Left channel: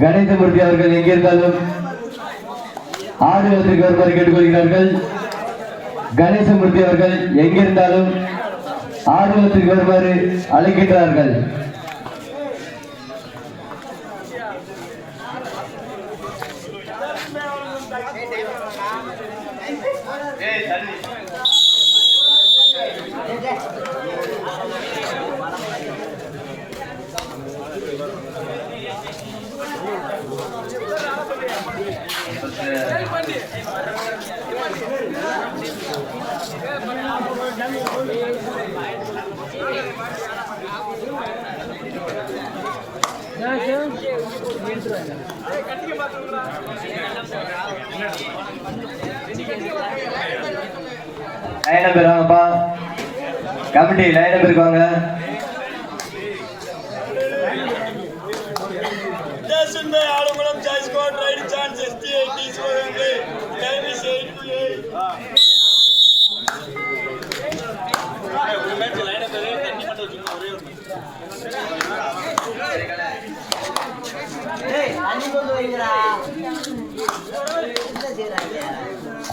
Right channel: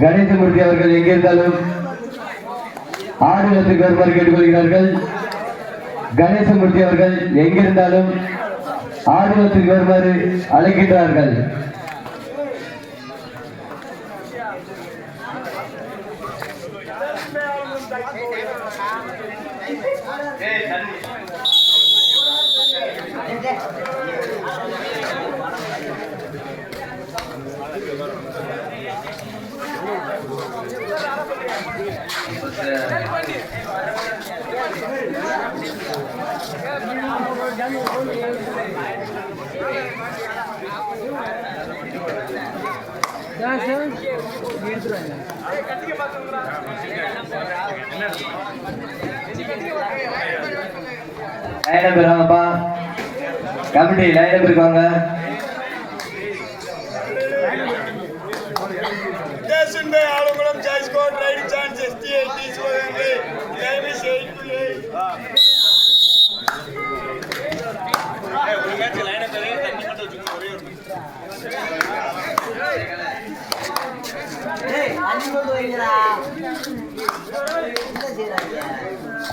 கணேசமூர்த்தி அவர்கள் எங்கிருந்தாலும் ஆடுகளத்திற்கு வருமாறு கேட்டுக்கொள்கிறார்கள். கணேசமூர்த்தி அவர்கள் எங்கிருந்தாலும் ஆடுகளத்திற்கு வருமாறு அழைக்கின்றார்கள். லைன் நம்பர் வாங்கப்பா, கமிட்டி லைன் நம்பர் இருக்காங்க. ஆளுங்களும் choice code right chance SD eighty Sivaganga time is 8 ஒரு மேட்ச் லைன் நம்பர் தண்ணி மட்டும் சும்மா ஒரே ஒரு ஏய் அண்ணி போய் வைங்கடா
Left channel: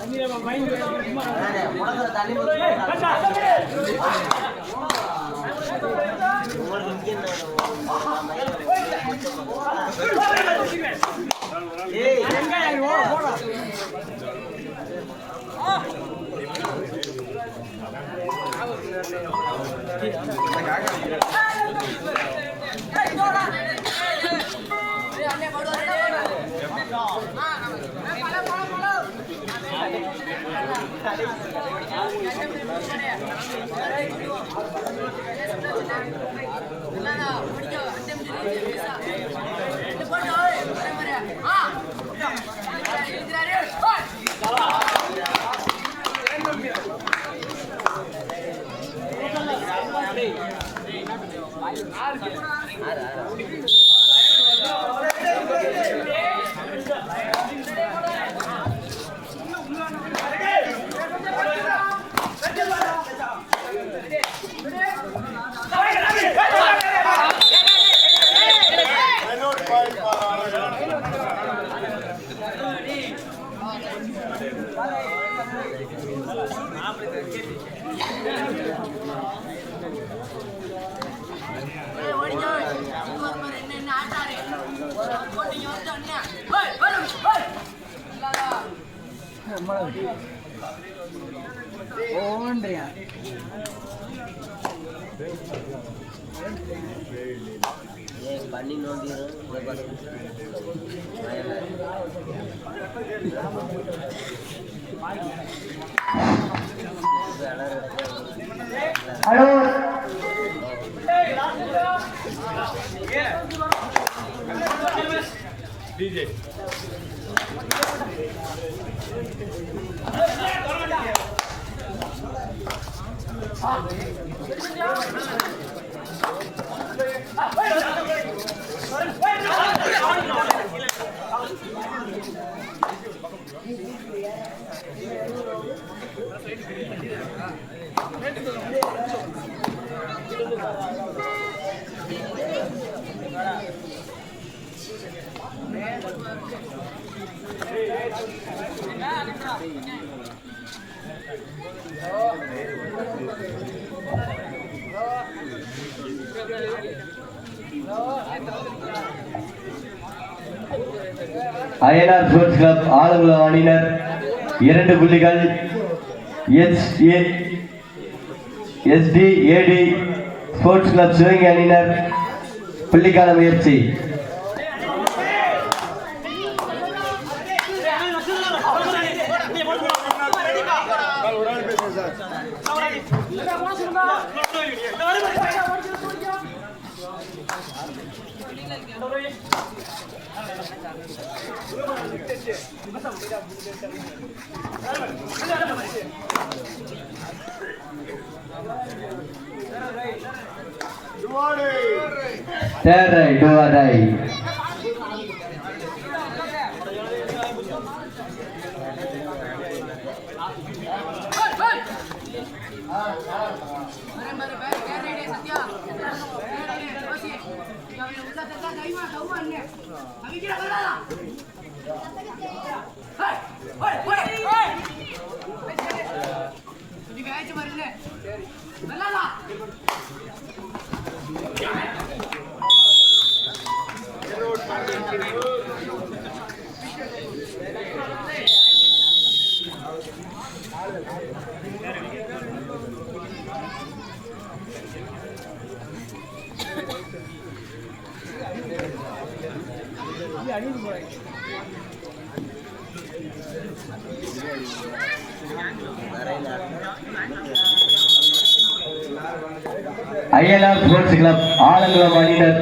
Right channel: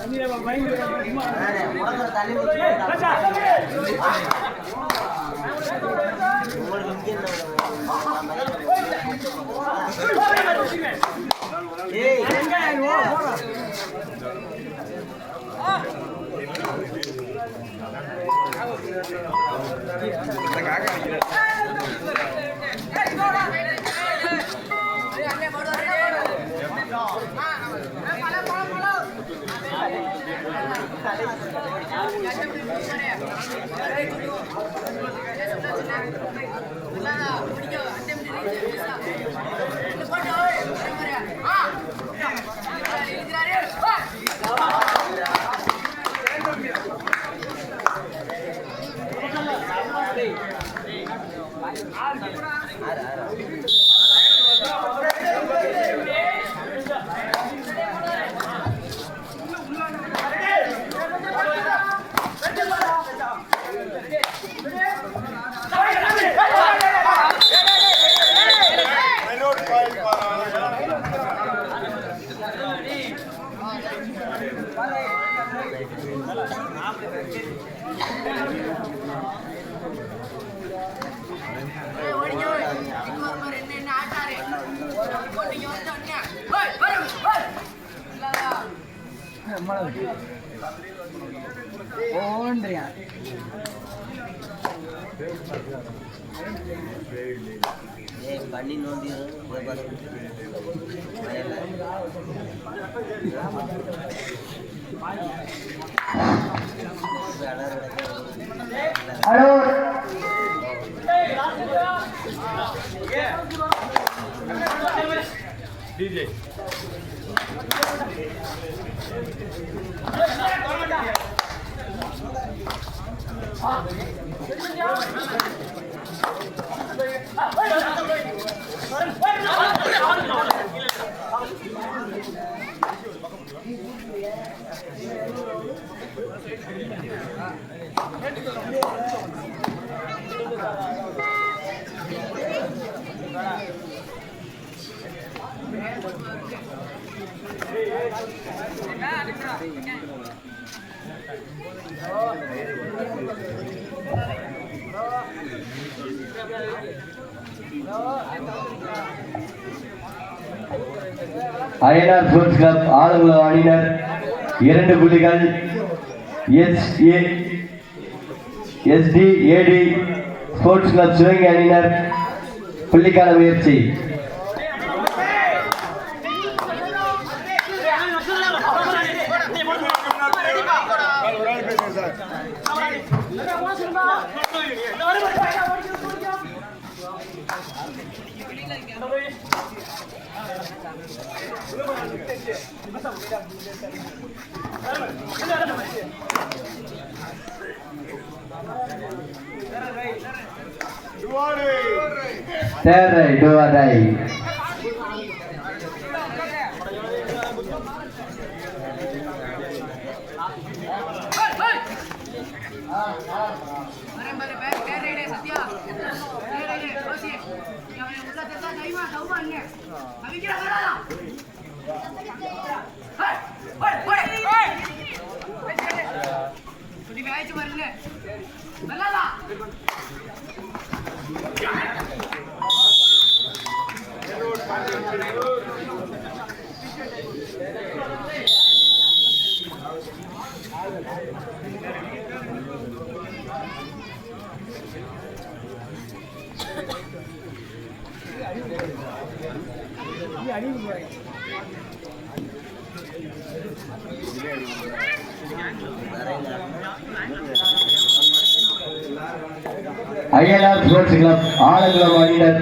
தண்ணி மைண்ட் மறந்து தண்ணி ஏய் எங்க ஐயோ பண்ணி நோண்டி hello DJ Ayanar sports club Alangulam அணியினர் 2 புள்ளிகள். SDAD ஸ்போர்ட்ஸ் கிளப் சிவகங்கை அணியினர் புள்ளிக்கான முயற்சி. Third right, do or die. Bare bare bare right, Satya. Right, INR sports club Alangulam அணியினர்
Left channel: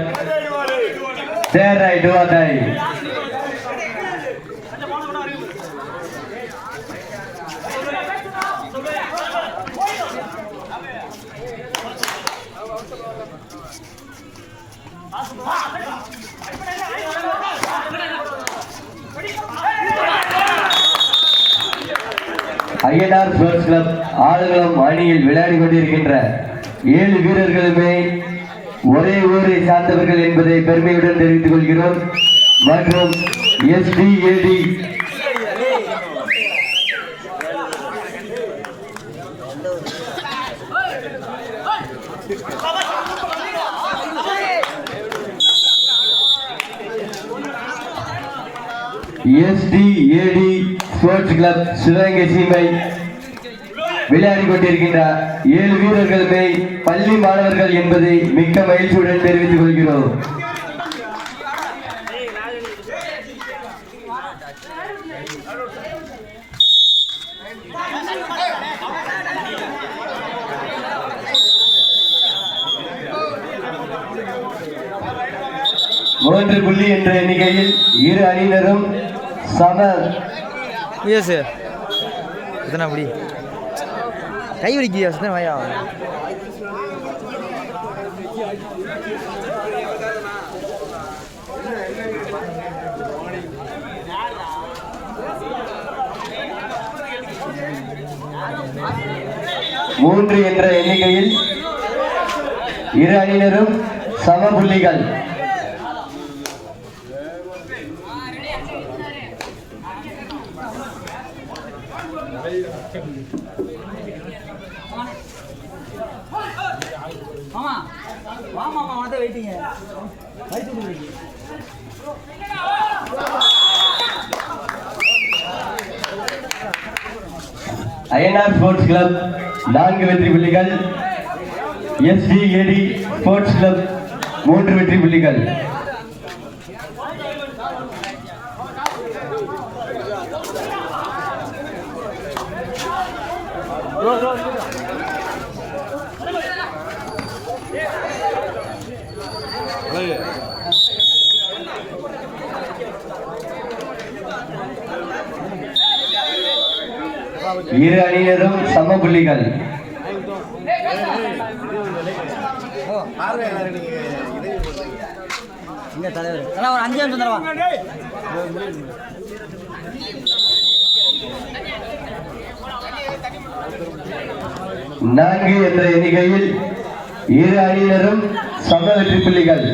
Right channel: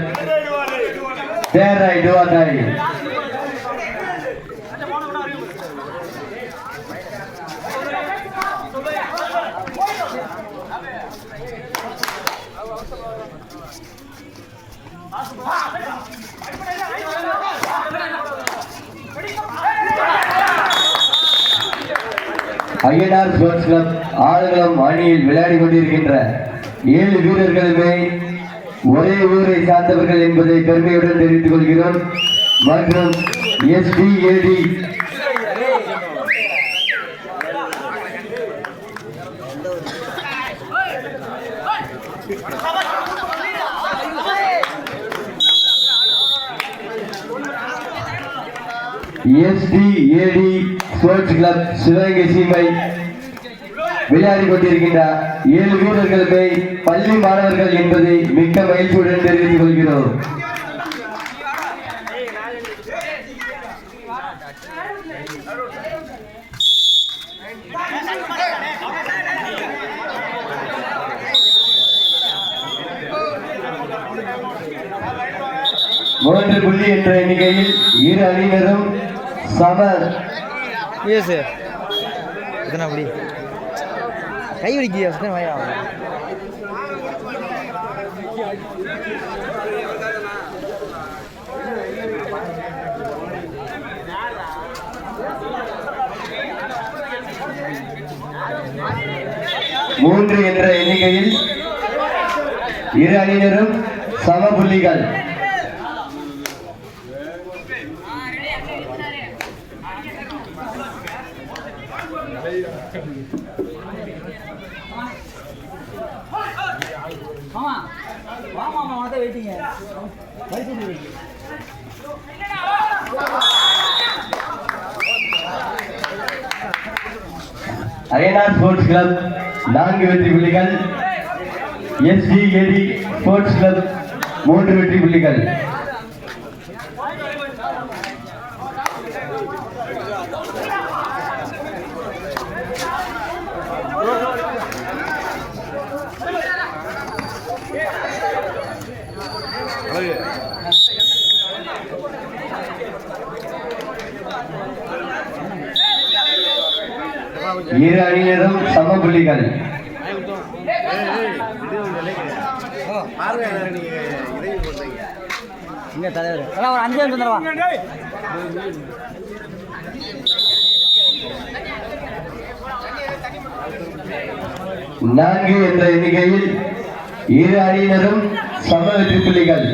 தேர்ரை டுவாட்டாய் ஐஎன்ஆர் ஸ்போர்ட்ஸ் கிளப் ஆலங்குளம் அணியில் விளையாடி கொண்டிருக்கின்ற 7 வீரர்களுமே ஒரே ஊரை சார்ந்தவர்கள் என்பதை பெருமையுடன் தெரிவித்துக் கொள்கிறோம். மற்றும் SDAD ஸ்போர்ட்ஸ் கிளப் சிவகங்கை சீமை விளையாடி கொண்டிருக்கின்ற 7 வீரர்களுமே பள்ளி மாணவர்கள் என்பதை மிக்க மகிழ்ச்சியுடன் தெரிவித்துக் கொள்கிறோம். மூன்று புள்ளி என்ற எண்ணிக்கையில் இரு அணியினரும் சம கை வலிக்கு வாயா மூன்று என்ற எண்ணிக்கையில் இரு அணியினரும் சம புள்ளிகள். ஐஎன்ஆர் ஸ்போர்ட்ஸ் கிளப் 4 வெற்றி புள்ளிகள், SDAD ஸ்போர்ட்ஸ் கிளப் 3 வெற்றி புள்ளிகள். இரு அணியினரும் சம புள்ளிகள். நான்கு என்ற எண்ணிக்கையில் இரு அணியினரும் சம வெற்றி புள்ளிகள்.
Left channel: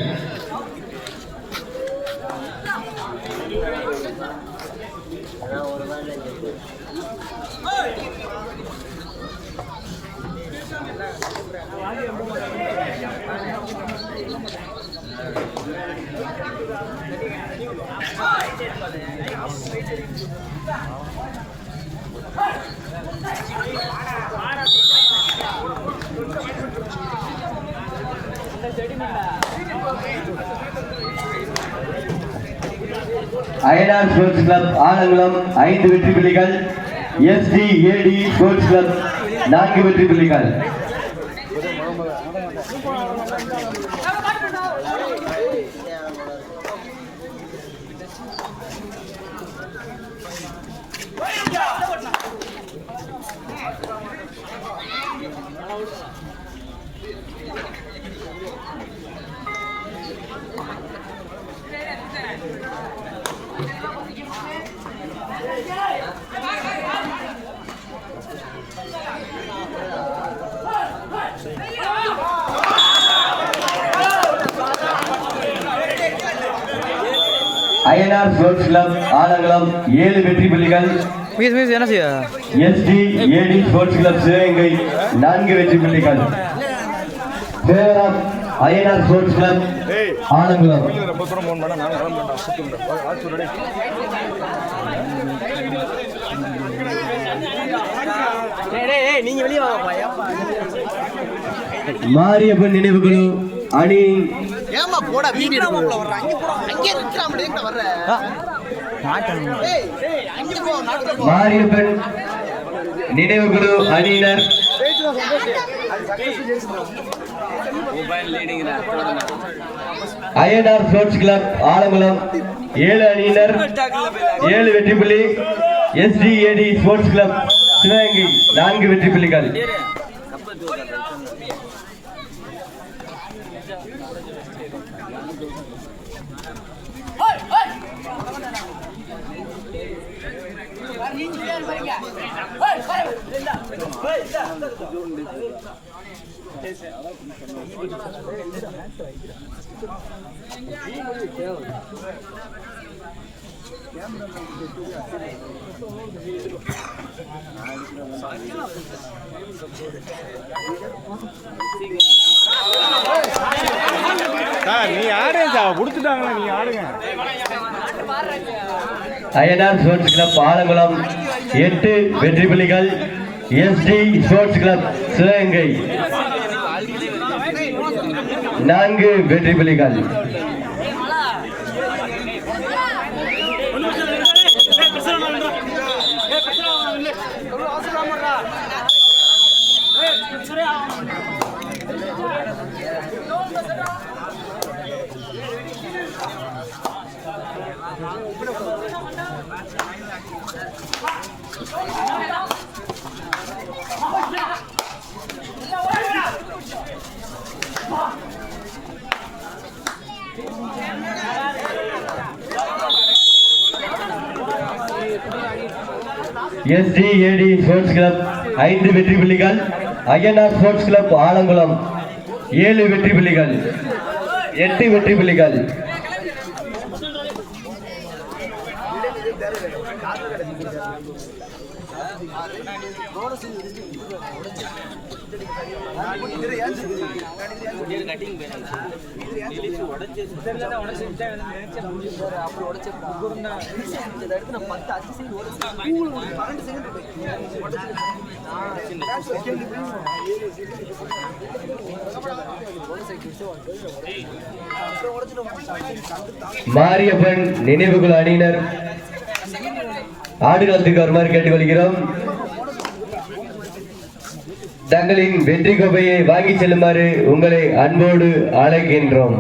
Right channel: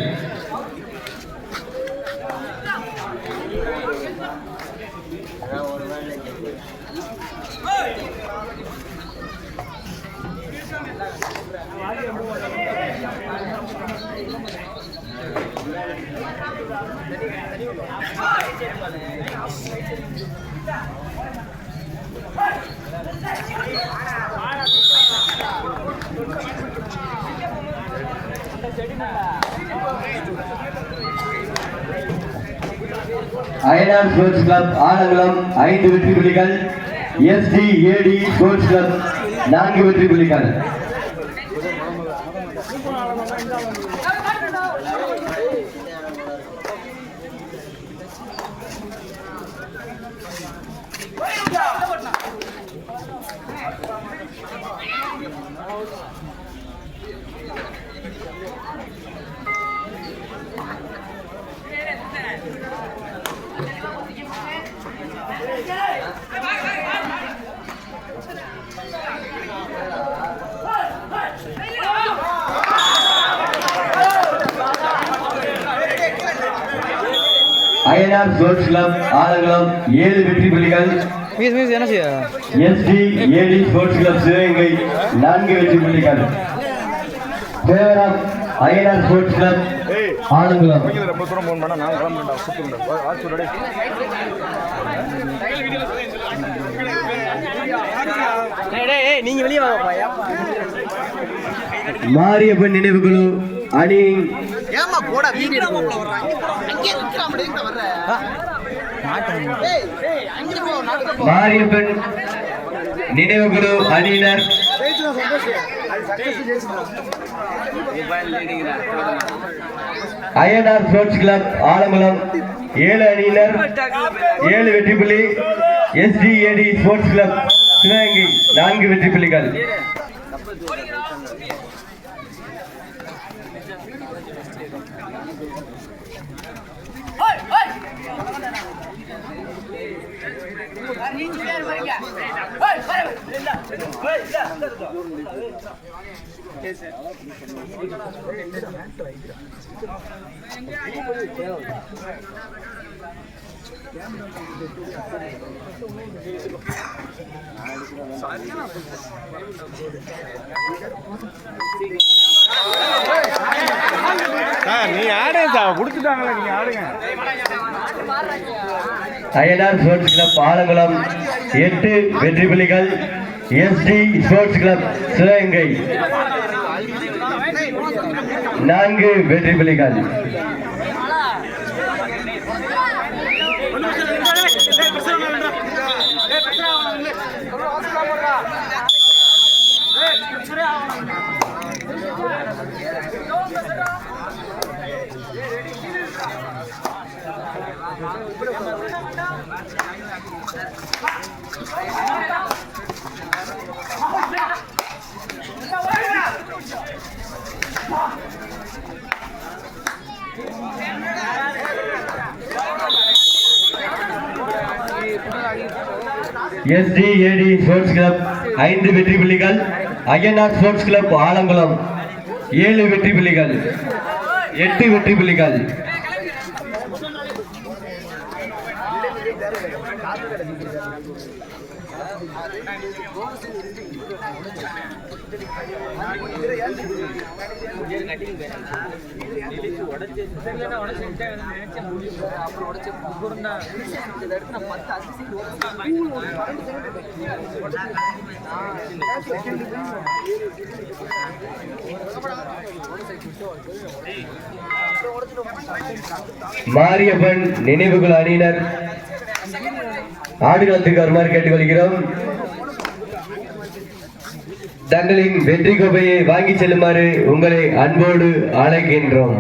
ஐஎன்ஆர் ஸ்போர்ட்ஸ் கிளப் ஆலங்குளம் 5 வெற்றி புள்ளிகள், SDAD ஸ்போர்ட்ஸ் கிளப் 4 வெற்றி புள்ளிகள். அயனார் ஸ்போர்ட்ஸ் கிளப் ஆலங்குளம் 7 வெற்றி புள்ளிகள். என்ன செய்ய SD AT sports club Sivaganga 4 வெற்றி புள்ளிகள். Favour of Ayanar sports club Alangulam. ரொம்ப தூரம் போன் பண்ணா நான் வர மாட்டேன். நீங்க வெளியே வாப்பா. மாரியப்பன் நினைவுக்குழு அணி ஏமா போடா வீடியோ அங்கே நிக்கறான் டேய் வர்ற மாட்டான். மாரியப்பன் நினைவுக்குழு அணியினர் அயனார் ஸ்போர்ட்ஸ் கிளப் ஆலங்குளம் 7 அணியினர் 7 வெற்றி புள்ளி. எஸ்டிஏடி ஸ்போர்ட்ஸ் கிளப் சிவகங்கை 4 வெற்றி புள்ளிகள். நீ ஆடுங்க கொடுத்துட்டாங்களா நீங்க ஆடுங்க. அயனார் ஸ்போர்ட்ஸ் கிளப் ஆலங்குளம் 8 வெற்றி புள்ளிகள். எஸ்டி ஸ்போர்ட்ஸ் கிளப் சிவகங்கை 4 வெற்றி புள்ளிகள். எஸ்டிஏடி ஸ்போர்ட்ஸ் கிளப் 5 வெற்றி புள்ளிகள். அயனார் ஸ்போர்ட்ஸ் கிளப் ஆலங்குளம் 7 வெற்றி புள்ளிகள். 8 வெற்றி புள்ளிகள். மாரியப்பன் நினைவுகள் அணியினர் ஆடுகளத்துக்கு வருமாறு கேட்டுக்கொள்கிறோம். தங்களின் வெற்றி கோப்பையை வாங்கி செல்லுமாறு உங்களை அன்போடு அழைக்கின்றோம்.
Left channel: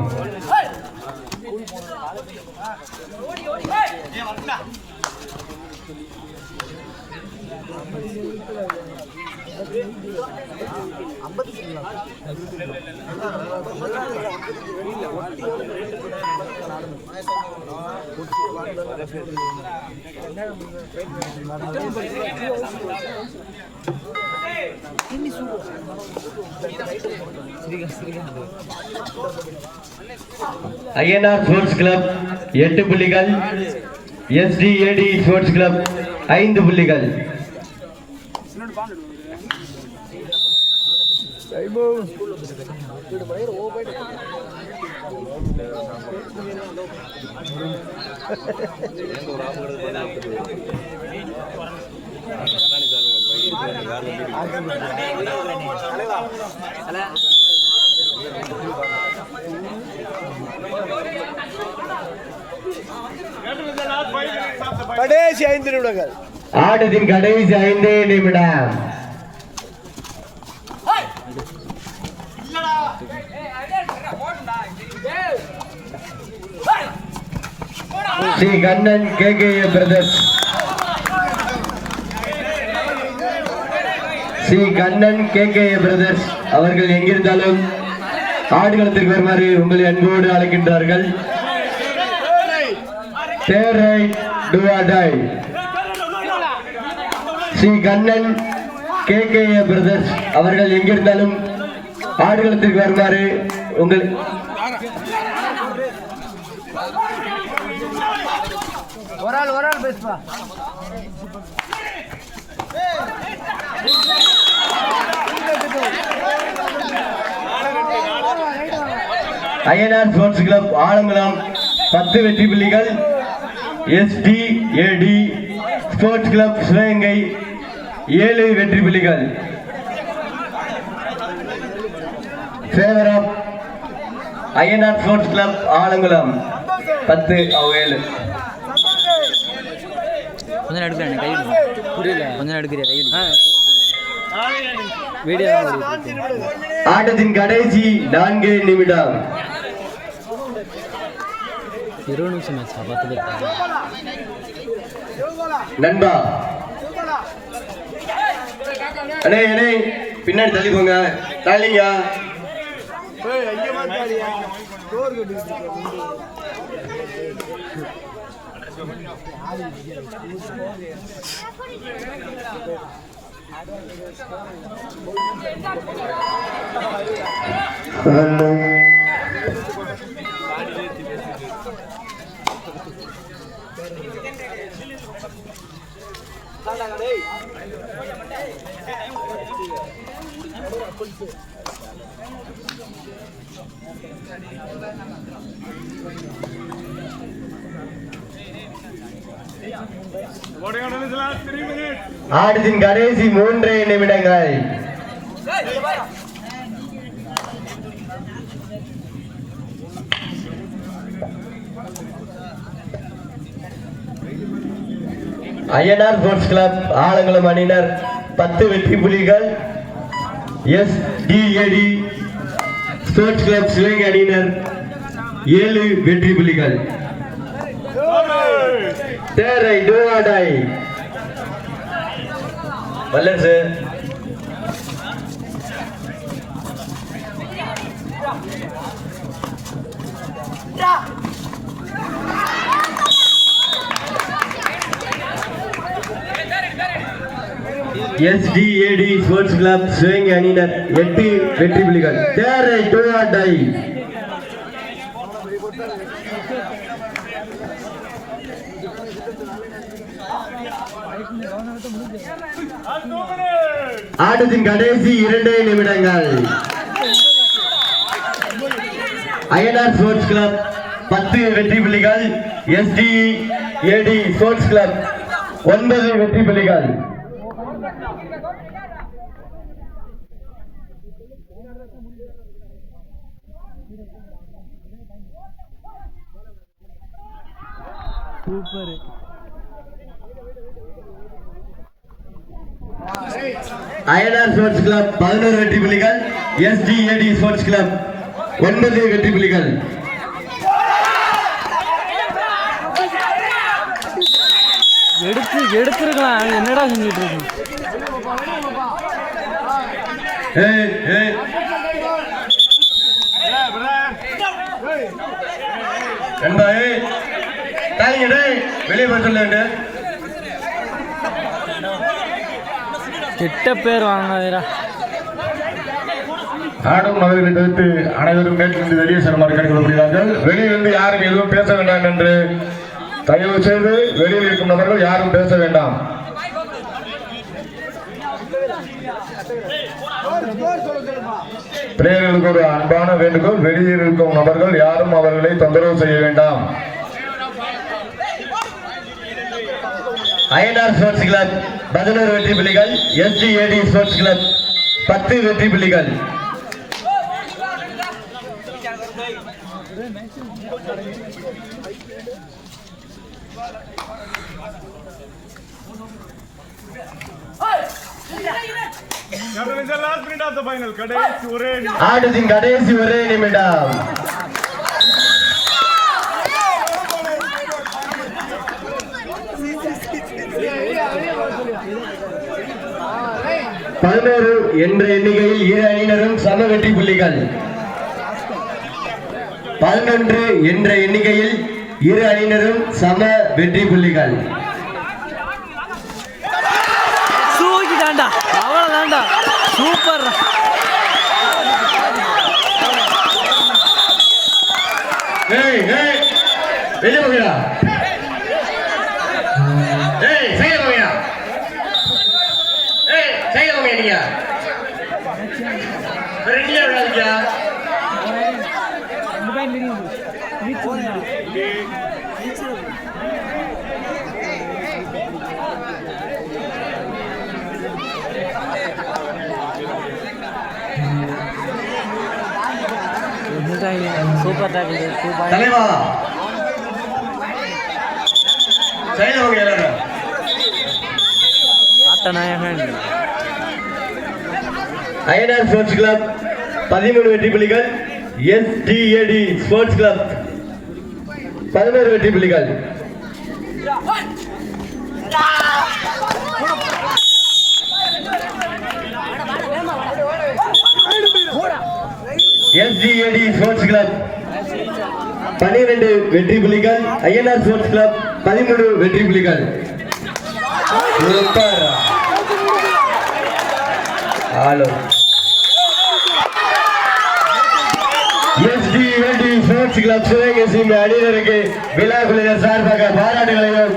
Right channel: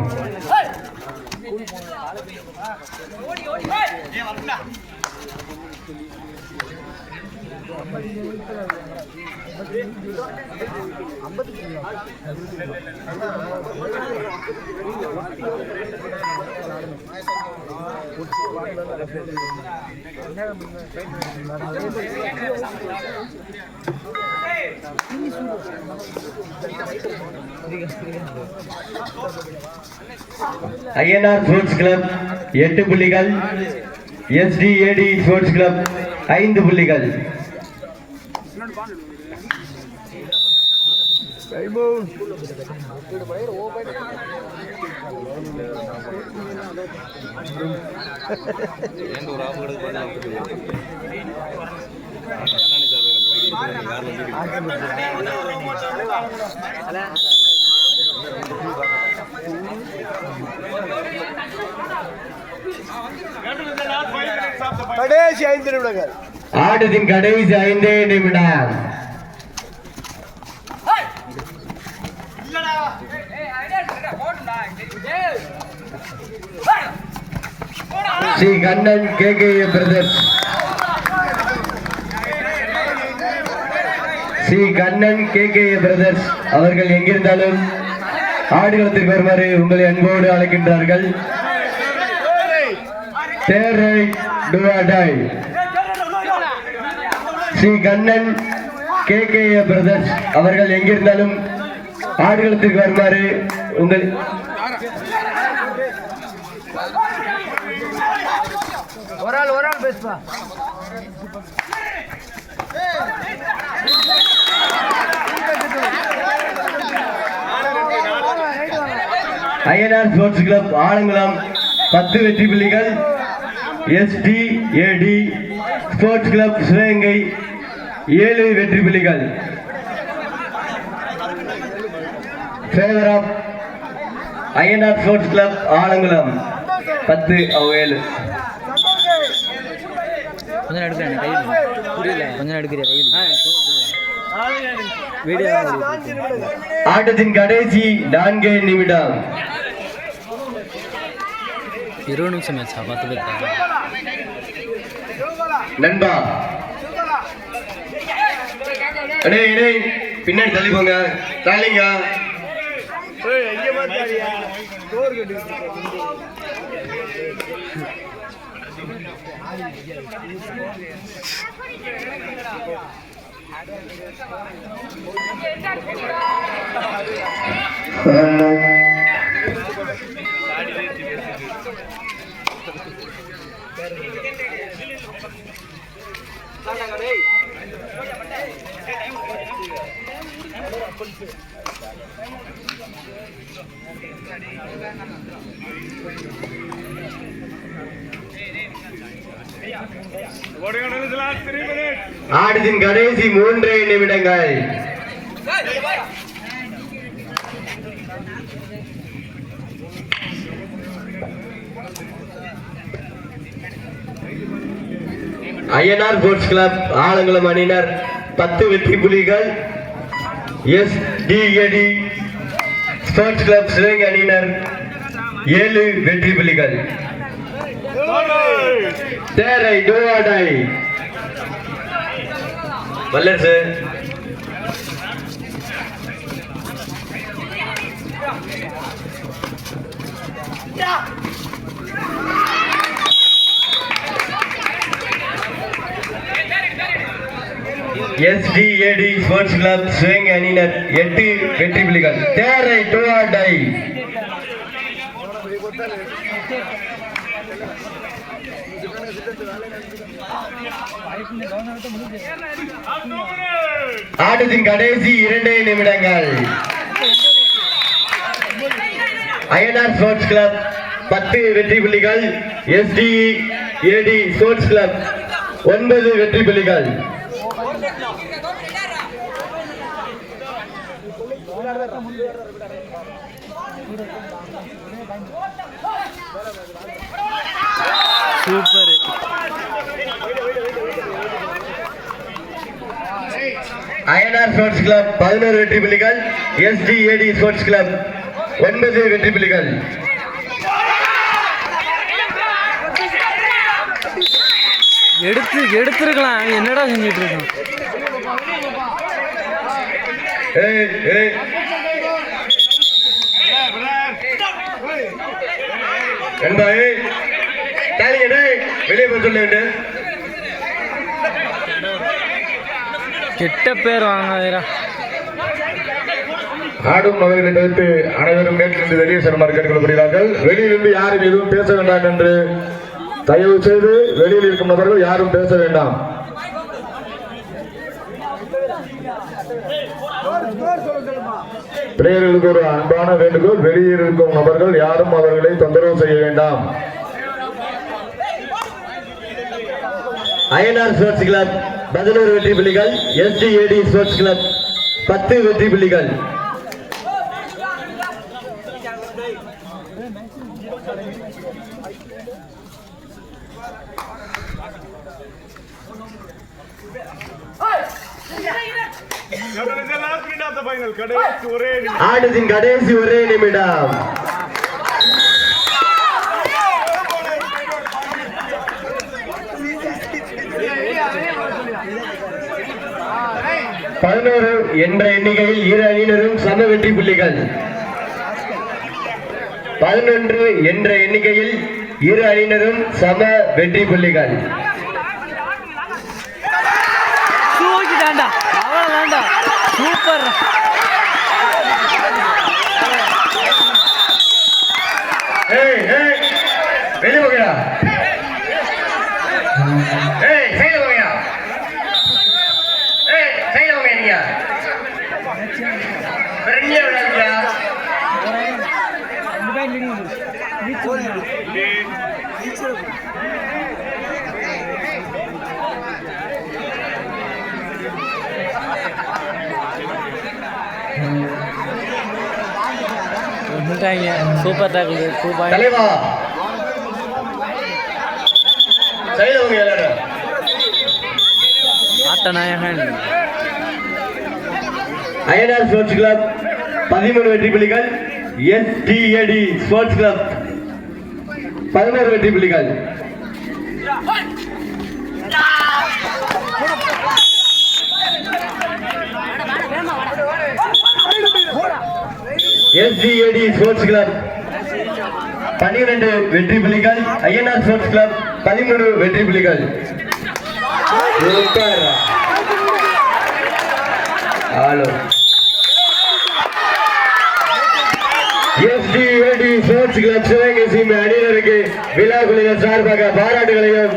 அய்யனார் ஸ்போர்ட்ஸ் கிளப் 8 புள்ளிகள். எஸ்டிஏடி ஸ்போர்ட்ஸ் கிளப் 5 புள்ளிகள். கடைசி 5 நிமிடங்கள். ஆட்டத்தின் கடைசி 5 நிமிடம். ஸ்ரீ கண்ணன் கேகேஏ பிரதர்ஸ் ஸ்ரீ கண்ணன் கேகேஏ பிரதர்ஸ் அவர்கள் எங்கிருந்தாலும் ஆடுகளத்திற்கு வருமாறு உங்களை அன்போடு அழைக்கின்றார்கள். ஸ்ரீ கண்ணன் கேகேஏ பிரதர்ஸ் அவர்கள் எங்கிருந்தாலும் ஆடுகளத்திற்கு வருமாறு உங்கள் ஒரு ஆள் பேசுப்பா. ஐஎன்ஆர் ஸ்போர்ட்ஸ் கிளப் ஆலங்குளம் 10 வெற்றி புள்ளிகள். SDAD ஸ்போர்ட்ஸ் கிளப் சிவகங்கை 7 வெற்றி புள்ளிகள். Favour of INR sports club Alangulam 10-7. கொஞ்சம் எடுக்கிறேன் கை புரியல. கொஞ்சம் எடுக்கிறியா கை வீடியோ ஆட்டத்தின் கடைசி 4 நிமிடம். 20 நிமிஷம் மேட்சா 10 பேர் நண்பா அடே பின்னாடி தள்ளி போங்க. தள்ளிங்க. ஆட்டத்தின் கடைசி 3 நிமிடங்கள். ஐஎன்ஆர் ஸ்போர்ட்ஸ் கிளப் ஆலங்குளம் அணியினர் 10 வெற்றி புள்ளிகள். SDAD ஸ்போர்ட்ஸ் கிளப் சிவகங்கை அணியினர் 7 வெற்றி புள்ளிகள். தேரை டோவாடாய் வல்லரசு SDAD ஸ்போர்ட்ஸ் கிளப் சிவகங்கை அணியினர் 8 வெற்றி புள்ளிகள். தேரை டோவாடாய் ஆட்டத்தின் கடைசி 2 நிமிடங்கள். ஐஎன்ஆர் ஸ்போர்ட்ஸ் கிளப் 10 வெற்றி புள்ளிகள். SDAD ஸ்போர்ட்ஸ் கிளப் 9 வெற்றி புள்ளிகள். சூப்பர். ஐஎன்ஆர் ஸ்போர்ட்ஸ் கிளப் 11 வெற்றி புள்ளிகள். SDAD ஸ்போர்ட்ஸ் கிளப் 9 வெற்றி புள்ளிகள். எடுத்துருக்கலாம். என்னடா செஞ்சிட்டு இருக்கோம். வெளியே போய் சொல்ல கெட்ட பேர் வாங்காதீரா. ஆடும் நபர்களை தவிர்த்து அனைவரும் நேற்றிலிருந்து வெளியே செல்லுமாறு கேட்டுக்கொள்ளப்படுகிறார்கள். வெளியிலிருந்து யாரும் எதுவும் பேச வேண்டாம் என்று தயவு செய்து வெளியில் இருக்கும் நபர்கள் யாரும் பேச வேண்டாம். பிளேயர்களுக்கு ஒரு அன்பான வேண்டுகோள், வெளியில் இருக்கும் நபர்கள் யாரும் அவர்களை தொந்தரவு செய்ய வேண்டாம். ஐஎன்ஆர் ஸ்போர்ட்ஸ் கிளப் 11 வெற்றி புள்ளிகள். SDAD ஸ்போர்ட்ஸ் கிளப் 10 வெற்றி புள்ளிகள். ஆட்டத்தின் கடைசி 1 நிமிடம். என்ற எண்ணிக்கையில் இரு அணியினரும் சம வெற்றி புள்ளிகள். 11 என்ற எண்ணிக்கையில் இரு அணியினரும் சம வெற்றி புள்ளிகள். தூக்கிட்டாண்டா, அவ்வளவுதாண்டா. சூப்பர். சூப்பர் தான் இது 2 பாயிண்ட் தலைவா சைலவங்க யாரா ஆட்ட நாயகன் அயனார் ஸ்போர்ட்ஸ் கிளப் 13 வெற்றி புள்ளிகள், STAD ஸ்போர்ட்ஸ் கிளப் 11 வெற்றி புள்ளிகள். STAD ஸ்போர்ட்ஸ் கிளப் 12 வெற்றி புள்ளிகள், அய்யனார் ஸ்போர்ட்ஸ் கிளப் 13 வெற்றி புள்ளிகள். சூப்பர் ஆலோ. STAD ஸ்போர்ட்ஸ் கிளப் சிவகங்கை அணியினருக்கு விழா குழுவினர் சார்பாக பாராட்டுகளையும்